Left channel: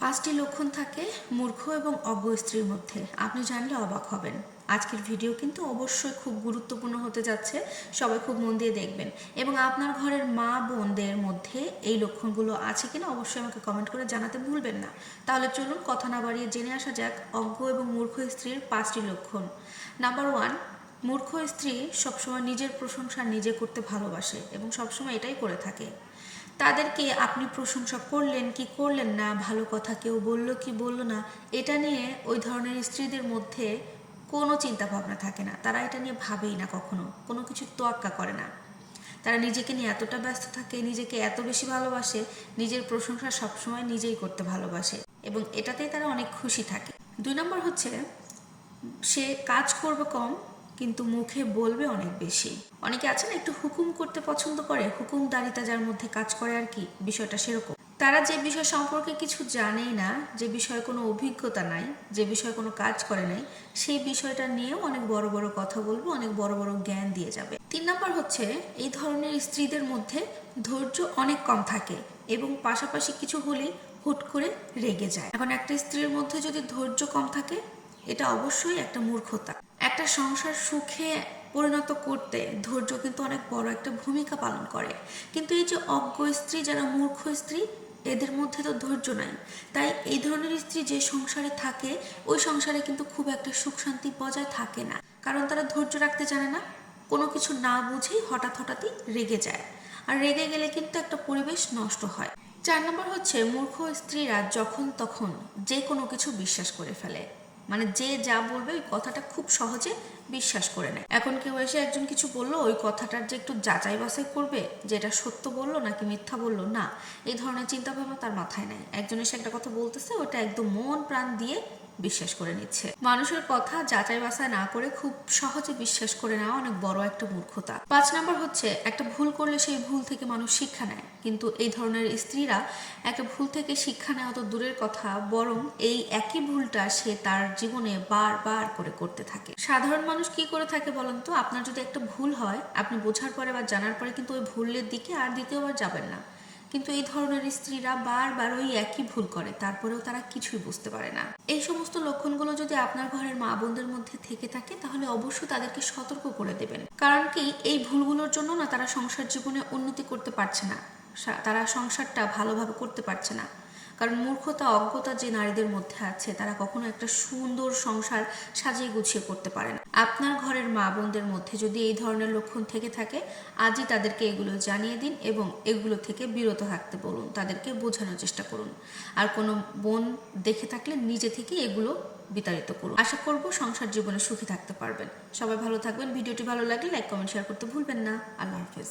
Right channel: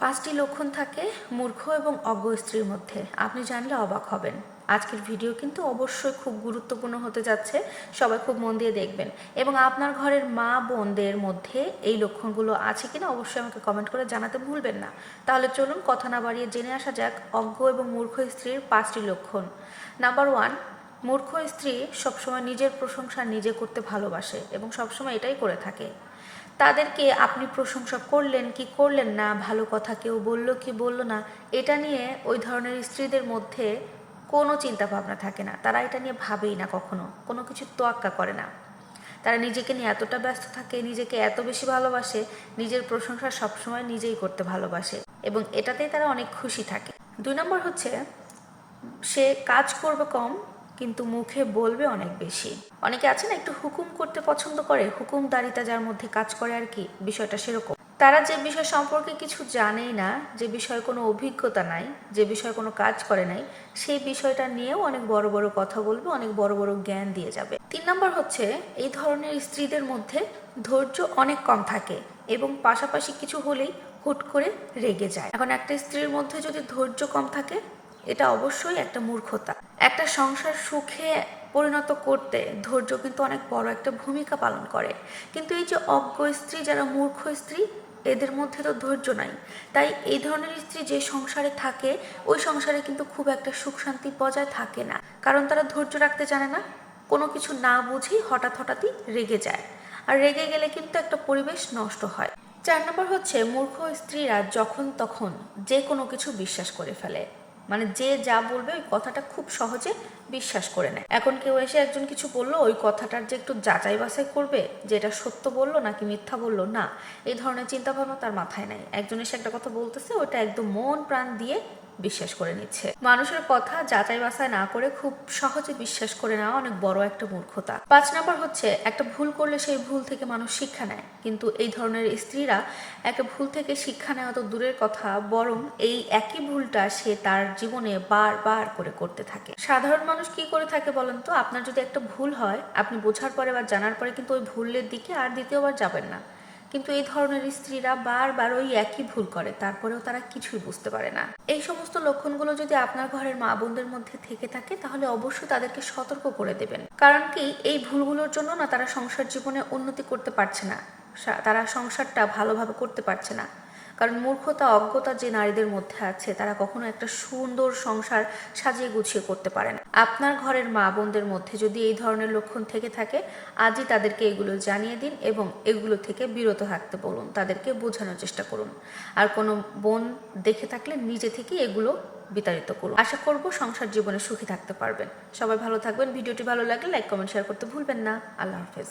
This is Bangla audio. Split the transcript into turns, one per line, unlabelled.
পাঁচটি লক্ষণ থাকে মূর্খ এবং অজ্ঞ স্ত্রীর মধ্যে। আপনি জানলে অবাক হবেন। আজকের ভিডিও কিন্তু অবশ্যই খুব গুরুত্বপূর্ণ হতে যাচ্ছে। সবাই খুব মন দিয়ে দেখবেন। এবং আপনার ঘরের মা বোনদের মধ্যে এই লক্ষণগুলো আছে কিনা অবশ্যই আমাকে কমেন্ট করে জানাতে ভুলবেন না। তাহলে চলুন কথা না বাড়িয়ে জেনে আসা যাক অজ্ঞ এবং মূর্খ স্ত্রীর পাঁচটি লক্ষণ। নাম্বার ওয়ান মূর্খ স্ত্রী সবসময় নিজের প্রশংসা নিজে করতে ভালোবাসে এবং সবসময় এটাই করে থাকে। তাদেরকে আপনি প্রশংসা করলেন কি করলেন না? ভালো কথা কেউ বলল কি বলল না? এটা নিয়ে ওই ধরনের স্ত্রীদের মধ্যে কোনো চিন্তা ভাবনা থাকে না। তারা এটা নিয়ে ভাবেই না কখনো। কোনো কিছু তোয়াক্কা করে না। তারা নিজেকে নিয়ে এতটা ব্যস্ত থাকে, নিজেকে এত বেশি ভালোবাসে, নিজের প্রশংসা সবসময় নিজেই করতে ভালোবাসে এবং এটাতেই তারা অনেক খুশি থাকে। দুই নম্বর হচ্ছে, সে কাজ করবে কম কিন্তু মুখে বলবে অনেক বেশি। অনেকে আছে না, একটু হুকুম করতে পছন্দ করে হুকুম হুকুমদারিতা যার মধ্যে কাজ করে আর কি, বিষয়টা সেরকম। তারা যে বিষয় সম্পর্কে কিছু জানেই না, যে বিষয়ে কোনো অভিজ্ঞতা নাই, যে বিষয়ে কোনো কাজ করে নাই, সেই বিষয়টা নিয়েও অনেক বড় বড় কথা বলবে, অনেক বড় বড় জ্ঞান দিয়ে যাবে। তিন নম্বর হচ্ছে, এই ধরনের স্ত্রীদের মধ্যে ধৈর্য অনেক কম থাকে এবং পাশাপাশি কিছু হলেই হুট করে রেগে যায়। এখন একটা স্ত্রীর মধ্যে যদি ধৈর্য কম থাকে, এটা অবশ্যই একটা মূর্খতা। একটা সংসার সুখে পরিণত করতে ধৈর্য কিন্তু অনেক বড় একটা ভূমিকা পালন করে। কিন্তু এই যে অজ্ঞ স্ত্রী যারা মূর্খ স্ত্রী, এদের মধ্যে তো ধৈর্য নাই। তাই এই ধরনের স্ত্রী যে সংসারে থাকে, ওই সংসারে কিন্তু খুব একটা সুখ শান্তি বজায় থাকে না। কারণ তারা ধৈর্য রাখতে জানে না, কোনো কিছু না বুঝেই হঠাৎ হঠাৎই রেগে যায়। আর রেগে গেলে কিন্তু একটা পরিবেশ নষ্ট হয়। চার নম্বর হচ্ছে, মূর্খ স্ত্রীরা যখন তখন যে কোনো কিছু বিশ্বাস করে ফেলে। মানে যে যা বলবে ওই কথাটা খুব সহজে বিশ্বাস করে নেয়। এখন কেউ এসে একজন কিছু বলল, ওই কথাটার যে একটু যাচাই বাছাই করবে যে এটা সত্য বলল নাকি মিথ্যা বলল, না। এই ধরনের চিন্তাভাবনা তার মাথায় নাই। একজন এসে একটা কথা বলতেছে ওটা একদম মন প্রাণ দিয়ে বিশ্বাস করে নিচ্ছে। মানুষের কথা যাচাই বাছাই না করে খুব সহজে বিশ্বাস করে নেওয়া অনেক বড় একটা মূর্খতা। পাঁচ নাম্বার হচ্ছে, একটা ভুল করলে সেই ভুল থেকে মানুষ শিক্ষা নেয়। কিন্তু এই ধরনের স্ত্রীরা একটা ভুল থেকে শিক্ষা নেওয়া তো দূরের কথা, বরং এই একই ভুলটা সে তার জীবনে বারবার করে করতে থাকে। সাধারণ মানুষ কি করে থাকে বলেন তো? আপনার যদি একটা ভুল হয়, আপনি বোঝার পরে বা জানার পরে কিন্তু ওই ভুলের দিকে আর দ্বিতীয়বার যাবেন না। কিন্তু এই ধরনের স্ত্রীরা বারবার ওই একই ভুল করে, তারপরেও তারা কিছুই বুঝতে পারে না। এই সমস্ত লক্ষণগুলো যদি আপনার ঘরের মা বোনদের মধ্যে থেকে থাকে, তাহলে অবশ্যই তাদেরকে সতর্ক করে দেবেন। কারণ কি, এই ভুলগুলোর জন্য না তারা সংসার জীবনে উন্নতি করতে পারছে না। তারা সংসারটা ভালোভাবে করতে পারছে না। কারণ মূর্খতা, অজ্ঞতা যে নারীদের মধ্যে আছে, তারা কখনো একটা সুন্দর সংসার সাজিয়ে গুছিয়ে করতে পারে না। আপনার ঘরের মা বোনদের মধ্যে যদি এই ধরনের লক্ষণ থেকে থাকে, আজই তাদেরকে এগুলো জানিয়ে দিন এবং এগুলো থেকে বিরত থাকতে বলুন, তাদেরকে বোঝানোর চেষ্টা করুন। আর কোনো বোন দেখে থাকলে নিজে থেকে এগুলো বিতাড়িত করুন। আশা করব সংসার জীবনে সুখী থাকতে পারবেন। সবাই ভালো থাকবেন। ভিডিওটি ভালো লাগলে লাইক, কমেন্ট, শেয়ার করতে ভুলবেন না। আল্লাহ হাফেজ।